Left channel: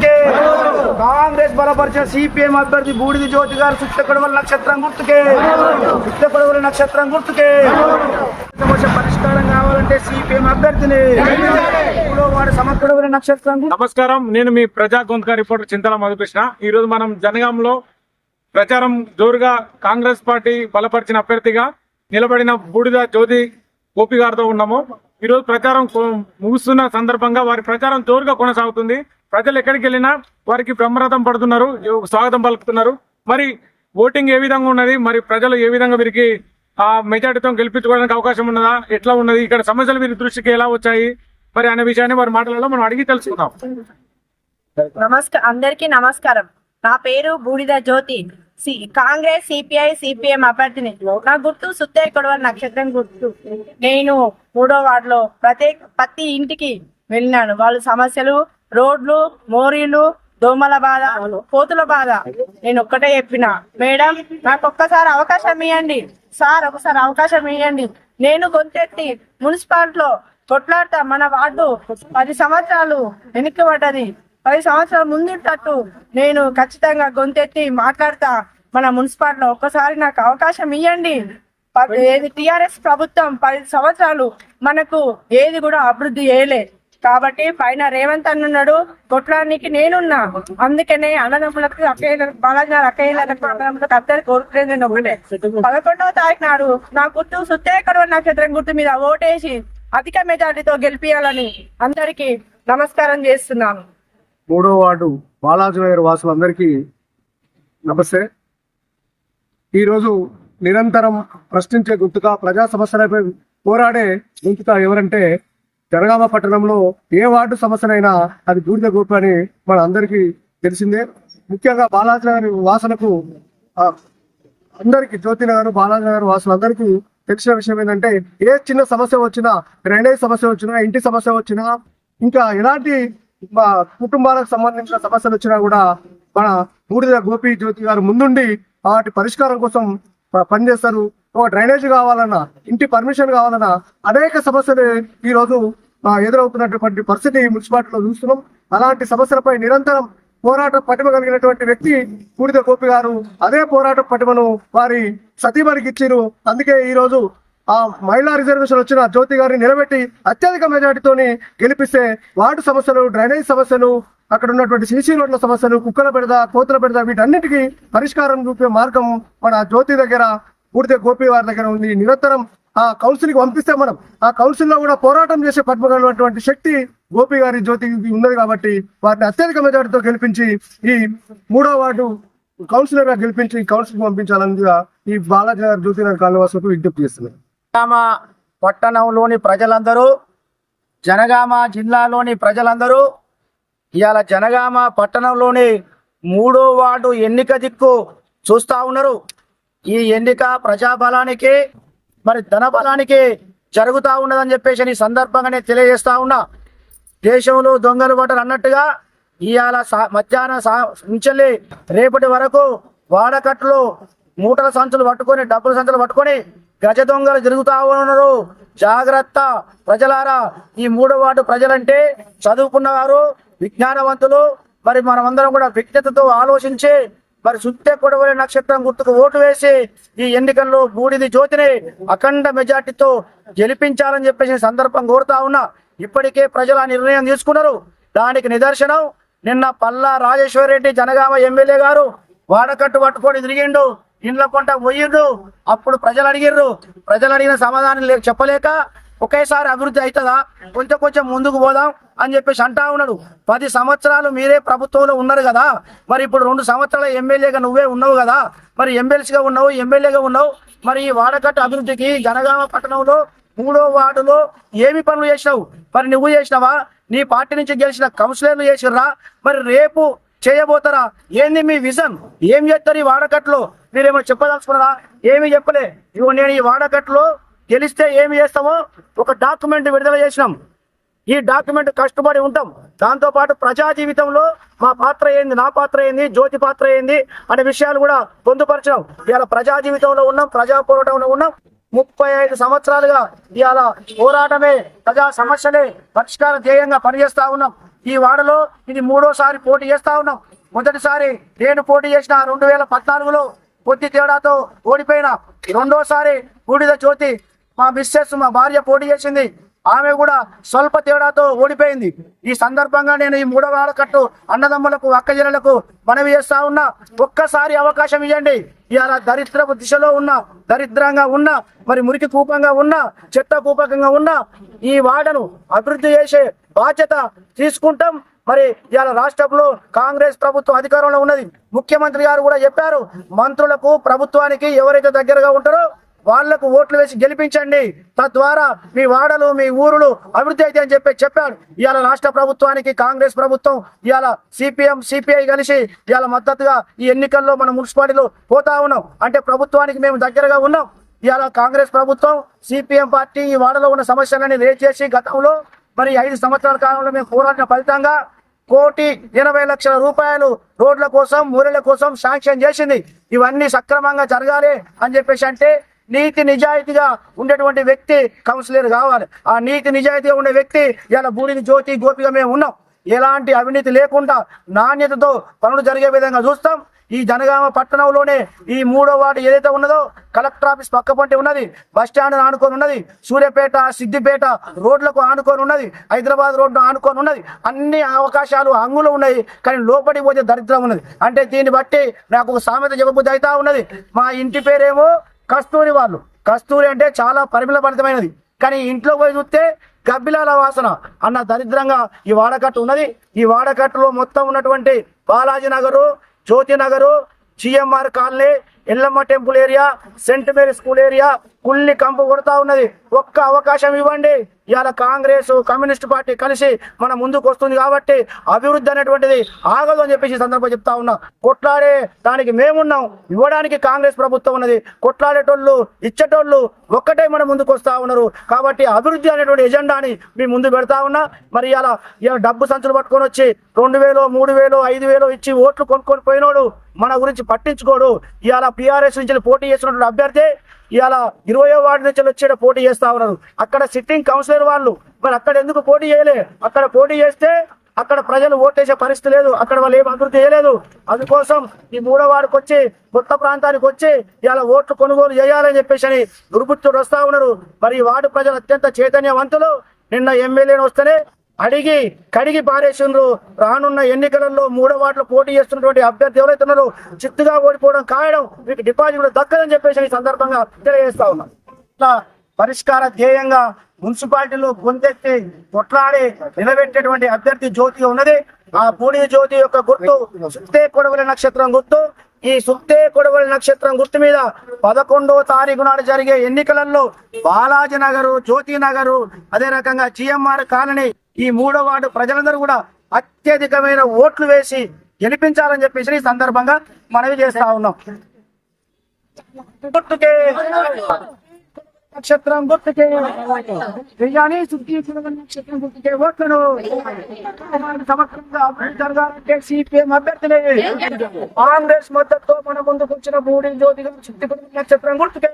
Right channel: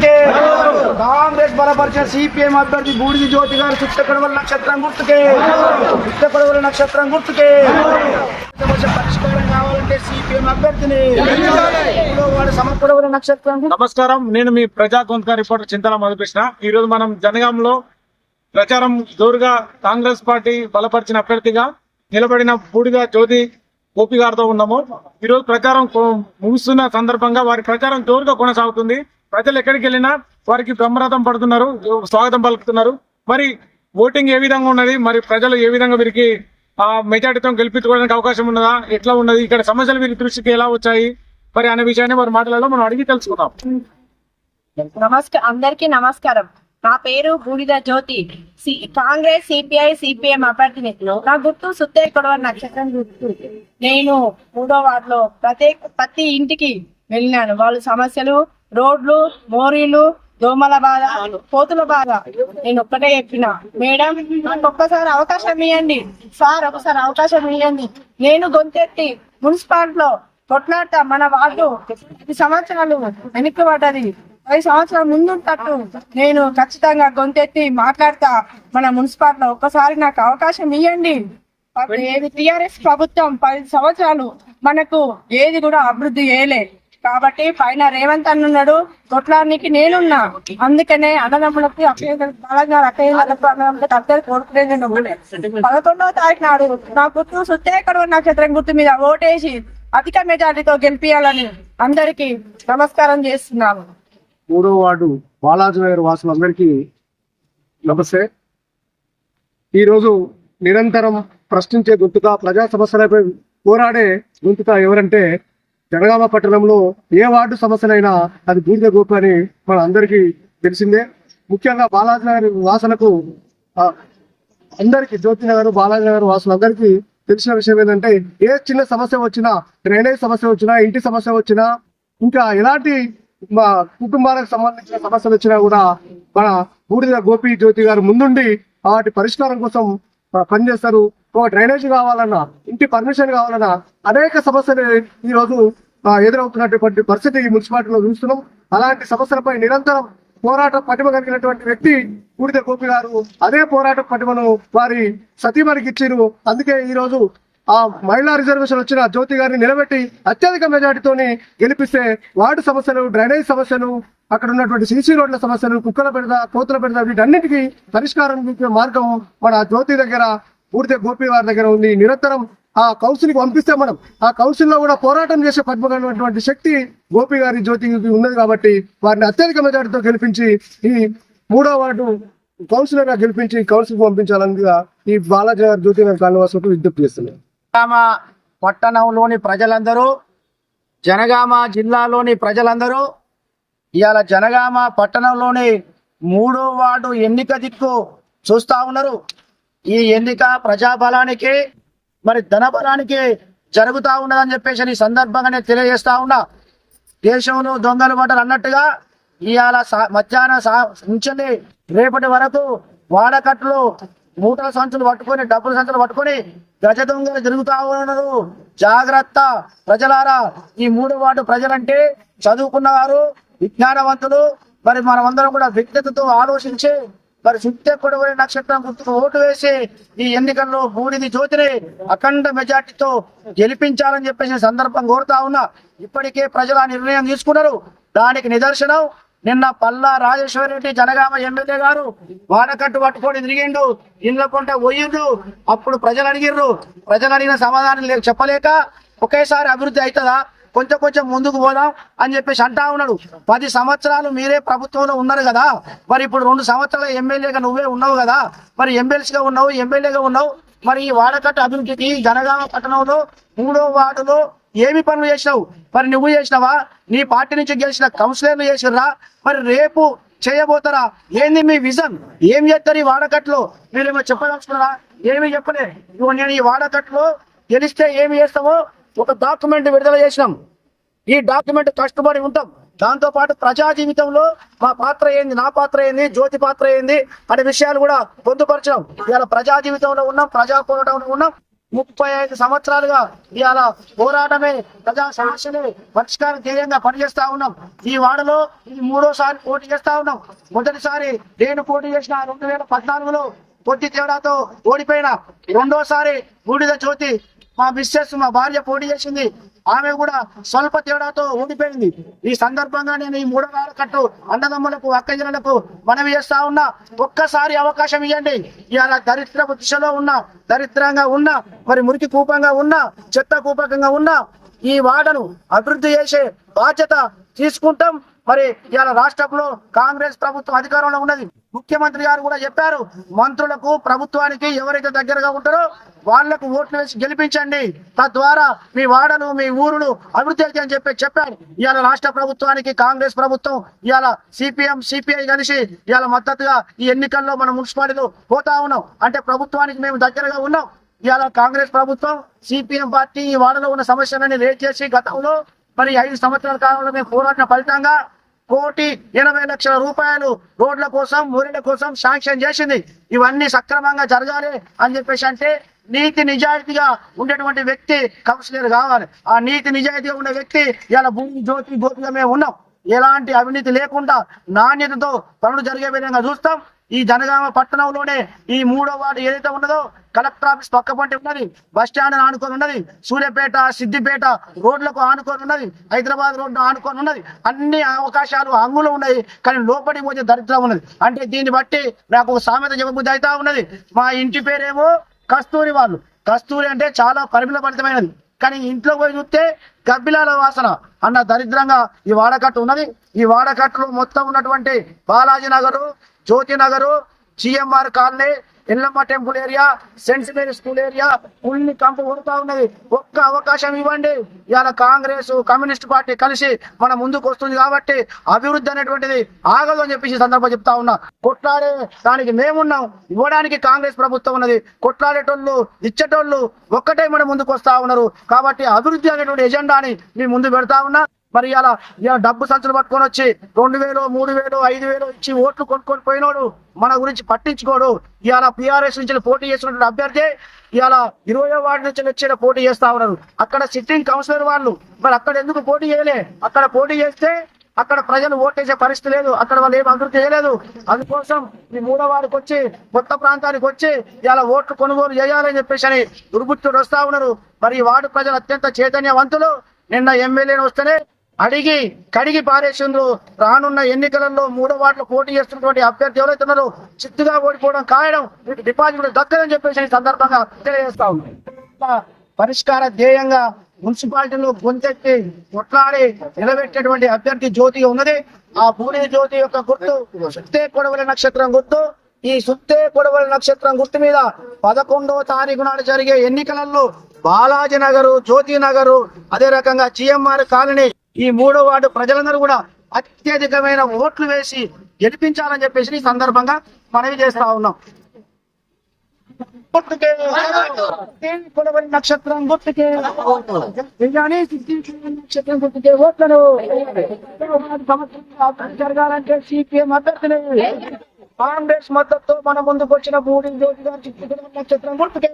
గుర్తుకే, కాంగ్రెస్ బలపరిచిన సిపిఎం అభ్యర్థి బూడిది జ్యోతి గారు చుట్టకొడవల నక్షత్రం గుర్తుకే, చుట్టకొడవల నక్షత్రం గుర్తుకే. సమస్య పరిష్కారం కావాలంటే సిపిఎం అభ్యర్థిని వాడు సమకొడవల నక్షత్రం. నమస్కారం, నేను మీ ప్రజా గొంతుక రిపోర్టర్ చింతల మధుకృష్ణ. ఈ రోజు మనం జనగాంలో ప్రచారం జోరుగా కాంగ్రెస్ పార్టీ బలపరిచిన అభ్యర్థిగా నిలబడిన బూడిద జ్యోతి గోపి గారితో ఉన్నాము. ఈ రోజు ప్రచారం ముగుస్తున్న సందర్భంగా వారి ప్రచారం జోరుగా కొనసాగుతుంది. ప్రజలు ఎక్కడికి వెళ్ళినా వారికి బ్రహ్మరథం పడుతున్నారు, స్వాగతం పలుకుతున్నారు. మరి ఓటింగ్ ఏ విధంగా ఉన్నది, మరి ప్రజలు ఏ విధంగా వీరికి ఆ మెజార్టీతో గెలిపించుకోవడానికి అవకాశం ఉన్నదా, ఎట్లా ఉన్నది, ఇక్కడ సమస్యలు వీరి దృష్టికి ఎలా వచ్చాయి మరి అనే విషయాన్ని వారి మాటలలో మనం అడిగి తెలుసుకుందాం. అందరికీ నమస్కారం. నా పేరు బూడిద జ్యోతి, కాంగ్రెస్ సిపిఐ సిపిఎం అభ్యర్థిని. నా గుర్తు సుత్తే కొడవ నక్షత్రం గుర్తు. నేను 3వ వార్డులో ప్రతి ఇంటికి వెళ్ళినాను. వాళ్ళు సమస్యలు, రోడ్లు, మోరీలు, దోమల బాధ, కోతుల బాధ నేను ఒక్కటే చెప్పిన, మేడం నాకు ఒక్కసారి అవకాశం ఇవ్వండి సార్, ఒకసారి అవకాశం ఇవ్వండి. నేను గొంతెత్తి మున్సిపాలిటీలో కొట్లాడతా. మన వార్డు 10 సంవత్సరాలు వెనక్కి పడ్డది. 10 సంవత్సరాల ముందుంటట్టు నేను ఖచ్చితంగా గొంతెత్తి మాట్లాడతా మన మున్సిపాలిటీలో. ఒక్కసారి నాకు అవకాశం ఇవ్వండి. ఏది టిఆర్ఎస్ ప్రభుత్వం 10 సంవత్సరాలు మనకు ఏది కూడా అభివృద్ధి చేయలే. కాబట్టి పైన రేవంత్ అన్నాడు, కొట్లానికి నేనున్నా. అందుకనే అన్నదమ్ములకు అక్కయ్యలకు అందరు కోరుకునేది నేను ఒకటే. 11వ తారీఖు నాడు నా గుర్తు సుత్తే కొడవ నక్షత్రం గుర్తు మీద ఓటేసి అధిక మెజార్టీతో గెలిపియాలని అందరికీ నమస్కారం చేస్తున్నాను. 3వ వార్డు బాలాజీ నగర్ వాసులందరికీ నమస్తే. ఈరోజు నిరంతరం ప్రశ్నించే గుర్తుగా, ప్రజా సమస్యలపై పోరాడే గుర్తుగా ఎవరంటే జనగామ పట్టణంలో ఏ వార్డు సమస్యలైనా అది బూడిద గోపి అని మన అందరికీ తెలిసిందే. ముఖ్యంగా బాలాజీ నగర్ వాసులకు అందరికీ, జ్యోతి నగర్ బాలాజీ నగర్ వాసులందరికీ తెలిసిన విషయం ఏంటంటే, ఏ చిన్న సమస్య వచ్చినా, డ్రైనేజ్ సమస్య వచ్చినా, ఇంటి సమస్య వచ్చినా, ఇంకా ఎలాంటి మా కుటుంబాలకు సంబంధించిన సమస్యలు వచ్చినా కూడా మన బూడిద గోపి జ్యోతి గారు ముందుండి వాటి పరిష్కారం కోసం పనిచేస్తారు. ఒక డ్రైనేజ్ కావాలన్నా, ఇంటి పర్మిషన్ కావాలన్నా అనేక సమస్యలు ఈ రోజు ఎదురవుతున్నటువంటి పరిస్థితి ఈ మున్సిపాలిటీలో చూస్తున్నాం. అలాంటి సమస్యలపై నిరంతరం పోరాట పటిమ కలిగినటువంటి వ్యక్తి బూడిద గోపి గారు. అదే పోరాట పటిమను వారి సతీమణికి ఇచ్చిరు. అందుకే ఈ రోజు ఆ మహిళా రిజర్వేషన్ వచ్చిన జ్యోతి గారిని నిలబెట్టి అత్యధిక మెజార్టీతోని గెలిపిస్తే వార్డు సమస్యలు, డ్రైనేజ్ సమస్యలు, అక్కడ ఉన్నటువంటి సిసి రోడ్ల సమస్యలు, కుక్కల బెడద, కోతుల బెడద, వీటన్నిటికీ పరిష్కారం చూపే మార్గం మన జ్యోతి దగ్గర, బూడిద గోపి వారి దగ్గర ఉంది. నిరంతరం ఆ కౌన్సిల్కి పంపిస్తే మనం ఆ కౌన్సిల్లో కూడా పోరాటం చేసే పద్మగలటువంటి శక్తి గోపి గారి జ్యోతికి ఉన్నది. కాబట్టి వారిని అత్యధిక మెజార్టీతో గెలిపించి ఈ 3వ వార్డు కౌన్సిలర్ గా గెలిపించి కౌన్సిల్కి పంపించాలని ఈ బాలాజీ నగర్ జ్యోతి నగర్ కాలనీవాసులకు విజ్ఞప్తి చేస్తున్నాను. జనగామ పట్టణంలోని ప్రజలందరూ, జనగామ జిల్లాలోని ప్రజలందరూ ఇవాళ జనగామ పట్టణంలోని 3వ వార్డు ఎన్నిక దిక్కు చూస్తా ఉన్నారు. ఈ ఎన్నిక ప్రజాబలానికి మరి ధనబలానికి జరుగుతా ఉన్నదని చెప్పేసి ఈ సందర్భంగా నేను తెలియజేస్తా ఉన్నా. దేశంలో దొంగలు పడ్డారు అన్నట్టుగా ఇవాళ మధ్యాహ్నం నుంచి రేపటి వరకు వాడకట్లు మూటల సంచులు పట్టుకొని, డబ్బుల సంచులు పట్టుకొని గజ దొంగలు తిరుగుతా ఉన్నారు. జాగ్రత్త ప్రజలారా. ఈ 3వ వార్డు ప్రజలంటే చదువుకున్నవారు, విజ్ఞానవంతులు. మరి మనమందరం కూడా విజ్ఞతతో ఆలోచించి మరి సుత్తే కొడవలి నక్షత్రం గుర్తుకు ఓటు వేసి ఈ ఎన్నికల్లో బూడిది జ్యోతిని అఖండ మెజార్టీతో గెలిపించాలని చెప్పేసి సందర్భం కోరుతా ఉన్నా. ఇప్పటికే ప్రజలు ఆ నిర్ణయం తీసుకున్నారు. దానికి నిదర్శనం నిన్న పల్లా రాజేశ్వర్ రెడ్డి జనగామ ఎమ్మెల్యే గారు వాడకట్టు పట్టుకొని తిరిగిండు, ఇండ్ల పంట పోయిండు. అప్పుడు ప్రజలు అడిగిన సమాధానం చెప్పలేక ఒకేసారి అభివృద్ధి అవుతుందా, కొంచెం ముందుకు పోదాం అని చెప్పేసి అంటా ఉన్నాడు. 10 సంవత్సరాలు మీరే ప్రభుత్వంలో ఉన్నారు కదా, మరి ఇప్పుడు 2 సంవత్సరాల ఎమ్మెల్యేగా నువ్వే ఉన్నావు కదా, మరి ఎమ్మెల్సీగా ఉన్నావు, ఎమ్మెల్యేగా ఉన్నావు. మరి ఈ వాడకట్టు అభివృద్ధికి జనగామ పట్టణంలో 3వ వార్డులో ఏమి పనులు చేసినావు? మరి నువ్వు చేసినావా? నీ పార్టీ నుంచి గెలిచిన కౌన్సిలర్లు చేసిర్రా? మరి రేపు చేయబోతారా? ఏంది మీ విజన్? ఏం చేస్తారు ఈ వాడకట్లో? మీరేమో చెప్పదలుచుకున్నారా? ఏమి చెప్పలే. ఇవ్వ నేను ఈ వాడకట్లో గెలిస్తే ఏమి చేస్తామో ఒక డాక్యుమెంట్ విడుదల చేసినాం. ఈ డాక్యుమెంట్ కష్టపడి ఉంటాం. దాంతో పాటు ప్రజా జీవితంలో మా పాత్ర ఏంది, నా పాత్ర ఏంది, జ్యోతి పాత్ర ఏంది అనే విషయాలు కూడా పొందుపరచాం. ఇవాళ ప్రజా జీవితంలో ఉన్నాం, ప్రజా పోరాటంలో ఉన్నాం. 35 సంవత్సరాలుగా ఇవాళ పోరాటమే ప్రజా సమస్యలే పరిష్కారం ధ్యేయంగా పనిచేస్తా ఉన్నాం. ఈ వార్డులో ఇది 3వ పోటీ చేస్తా ఉన్నాం. మొదటిసారి నేను పోటీ చేసిన 2014లో కొద్ది తేడాతో ఓడిపోయినా. 2వసారి బూడిద జ్యోతి మా మిస్సెస్ మా భార్య పోటీ చేసింది. ఆమె కూడా స్వల్ప తేడాతో ఓడిపోయింది. ఈ సందర్భంగా నేను ఈ 3వ ఆడకట్టు అన్నదమ్ములకు అక్కజనులకు మనవి చేస్తా ఉన్నా, ఒక్కసారి అవకాశం ఇవ్వండి. ఇవాళ దరిద్రపు దిశలో ఉన్న, దరిద్రంగా ఉన్న, మరి మురికి కూపంగా ఉన్న, చెత్త కూపకంగా ఉన్న ఈ వార్డును అభివృద్ధి చేసే బాధ్యత తీసుకుంటాం. మరి ఇవాళ రాష్ట్రంలో కాంగ్రెస్ ప్రభుత్వం అధికారంలో ఉన్నది. ముఖ్యమంత్రి గారు కూడా చెప్పారు, మంత్రులకు ప్రభుత్వానికి ఎవరైతే దగ్గరగా ఉంటారో వాళ్లకు ఓట్లు వేసి గెలిపించండి, తద్వారా మీ వాడలు మీ ఊరులు అభివృద్ధి అయితే అని చెప్పాడు. ఇవాళ రాష్ట్ర ప్రభుత్వానికి కాంగ్రెస్ ప్రభుత్వం ఇవాళ సిపిఎం సిపిఐ కలిసి ఇవాళ మద్దతుగా ఈ ఎన్నికల్లో మన మున్సిపాలిటీలో పోతా ఉన్నాం. అంటే ప్రభుత్వానికి మేము దగ్గరగా ఉన్నాం. ఇవాళ కాంగ్రెస్ ప్రభుత్వం సిపిఎం పార్టీ ఈ వాడలో ఉన్న సమస్యలని రేట్ చేసి గతంలో మరి 5 సంవత్సరాల కాలంలో మేము పోరాడిన ఫలితంగా 1,80,00,000 రూపాయలు రోడ్ల కోసం ఊరిల కోసం శాంక్షన్ చేసింది. ఇవన్నీ సక్రమంగా జరగాలి అని చెప్పేసి అంటే నీతి నిజాయితీగా ఉండేటువంటి వ్యక్తి కౌన్సిలర్ కావాలి. ఆ నీతి నిజాయితీగా ఉండే వ్యక్తి ఇలా బూడిద జ్యోతి గోపిగా మేము ఉన్నాం. ఎలాంటి అవినీతి లేకుండా నాణ్యతతో పనులు జరిగే విధంగా చూస్తాం. ఈ జనగామ పట్టణంలోనే ఈ 3వ వార్డు ఏదైతే ఉన్నదో కలెక్టర్ ఆఫీస్ పక్కపంటి ఉన్నది, బస్ స్టాండ్ ఆనుకొని ఉన్నది, సూర్యాపేట సిద్దిపేట రోడ్లకు ఆనుకొని ఉన్నది, హైదరాబాద్ రోడ్డు ఆనుకొని ఉన్నది. అన్ని అవకాశాలు అంగులు ఉన్నాయి, కానీ లోపలికి పోతే దరిద్రం ఉన్నది. అంటే దీన్ని బట్టి నాకు ఒక సామెత చెప్పబుద్ధి అవుతా ఉన్నది. మా ఇంటి పేరేమో కస్తూరి వాళ్ళు. కస్తూరి అంటే చాలా పరిమళభరితమైనది, కానీ ఇంట్లో పోయి చూస్తే గబ్బిలాల వాసన అన్న దరిద్రంగా ఈ వాడకట్టు ఉన్నది. ఈ వాడకట్టులో మొత్తం ఉన్నటువంటి Balaji Nagar, Jyothi Nagar, GMR colony, Yellamma temple area, saint Mary school area ఉల్లి కంపు కొడతా ఉన్నది. ఒక్క అవకాశం ఇవ్వండి. ఇవాళ కాంగ్రెస్ కమ్యూనిస్ట్ పార్టీ కలిసి మన ముందుకు వస్తుంది కాబట్టి అభివృద్ధి అనేటువంటిది ఆగదు అని చెప్పేసి సందర్భంగా చెప్తా ఉన్నా. కొట్లాడే దానికి మేమున్నాం, ఇవ్వడానికి కాంగ్రెస్ ప్రభుత్వం ఉన్నది. కొట్లాడేటోళ్ళు ఇచ్చేటోళ్ళు ఒక్కటే మన ముందుకు వస్తా ఉన్నారు. కాబట్టి అభివృద్ధి అనేటువంటి ఎజెండాని మీ ముందు పెడతా ఉన్నా. మరి ఇలా డబ్బు సంచులు పట్టుకొని వచ్చి 2,000, 3,000, 5,000 ఇచ్చి ఓట్లు కొనుక్కొని పోయినోడు మన గురించి పట్టించుకోడు. ఇవాళ PRS నుంచి పోటీ చేసినటువంటి అభ్యర్థి ఇవాళ 20వ వార్డు నుంచి వచ్చి పోటీ చేస్తా ఉన్నారు. అక్కడ సిట్టింగ్ కౌన్సిలర్ వాళ్ళు మరి అక్కడ ఎందుకు పోటీ చేయలే? అక్కడ పోటీ చేస్తే అక్కడ ప్రజలు ఓటేసే పరిస్థితి లేదు, అక్కడ వాళ్ళు ఏం అభివృద్ధి చేయలేదు. అందుకోసం ఈ 3వ వార్డుకి వచ్చి కొత్త ప్రాంతానికి వచ్చి ఇలా ఓట్లు కొనుగోలు చేయాలని చెప్పేసి అని దుర్బుద్ధుడు వస్తా ఉన్నారు. మరి ఈ వార్డు ప్రజలు అత్యంత చైతన్యవంతులు. నిన్న ఎమ్మెల్యేని వస్తేనే అడిగి కడిగి పారేసిండ్రు. రానున్న ఎన్నికలలో 3వ వార్డులో పోటీ చేస్తున్నటువంటి అభ్యర్థి ఎవరైతే ఉన్నారో చిత్తుగా ఓడిపోవడం ఖాయం, మీకు డిపాజిట్ కూడా దక్కదని చెప్పేసి ఈ సందర్భంగా తెలియజేస్తా ఉన్నాం. ఇట్లా పరిష్కార ధ్యేయంగా మున్సిపాలిటీలో గొంతెత్తి కొట్లాడి నిలబెట్టేటువంటి అభ్యర్థి జ్యోతిగా ఉన్నది. ఆ బూడిద జ్యోతి యొక్క గుర్తు సుత్తే కొడవలి నక్షత్రం గుర్తు. ఈ సుత్తే కొడవలి నక్షత్రం గుర్తు మీద 11వ తారీఖు నాడు జరిగే ఎన్నికలలో బాలాజీ నగరు, జ్యోతి నగరు, అదే రకంగా జిఎంఆర్ కాలనీ ఈ 3వ వార్డు ప్రజలందరూ కూడా అత్యధికమైన ఓట్లు వేసి గెలిపించాలని చెప్పేసి ఈ సందర్భంగా మనవి చేస్తా ఉన్నాం. గుర్తుకే కొడవలి నక్షత్రం గుర్తుకే నక్షత్రం గుర్తుకే ఓట్లను సమగ్రంగా అభివృద్ధి జరగాలంటే సిపిఎం అభ్యర్థులే. కాంగ్రెస్ మద్దతుతో మన ముందుకు వచ్చిన బూడిద జ్యోతి గారు నక్షత్రం గుర్తుకే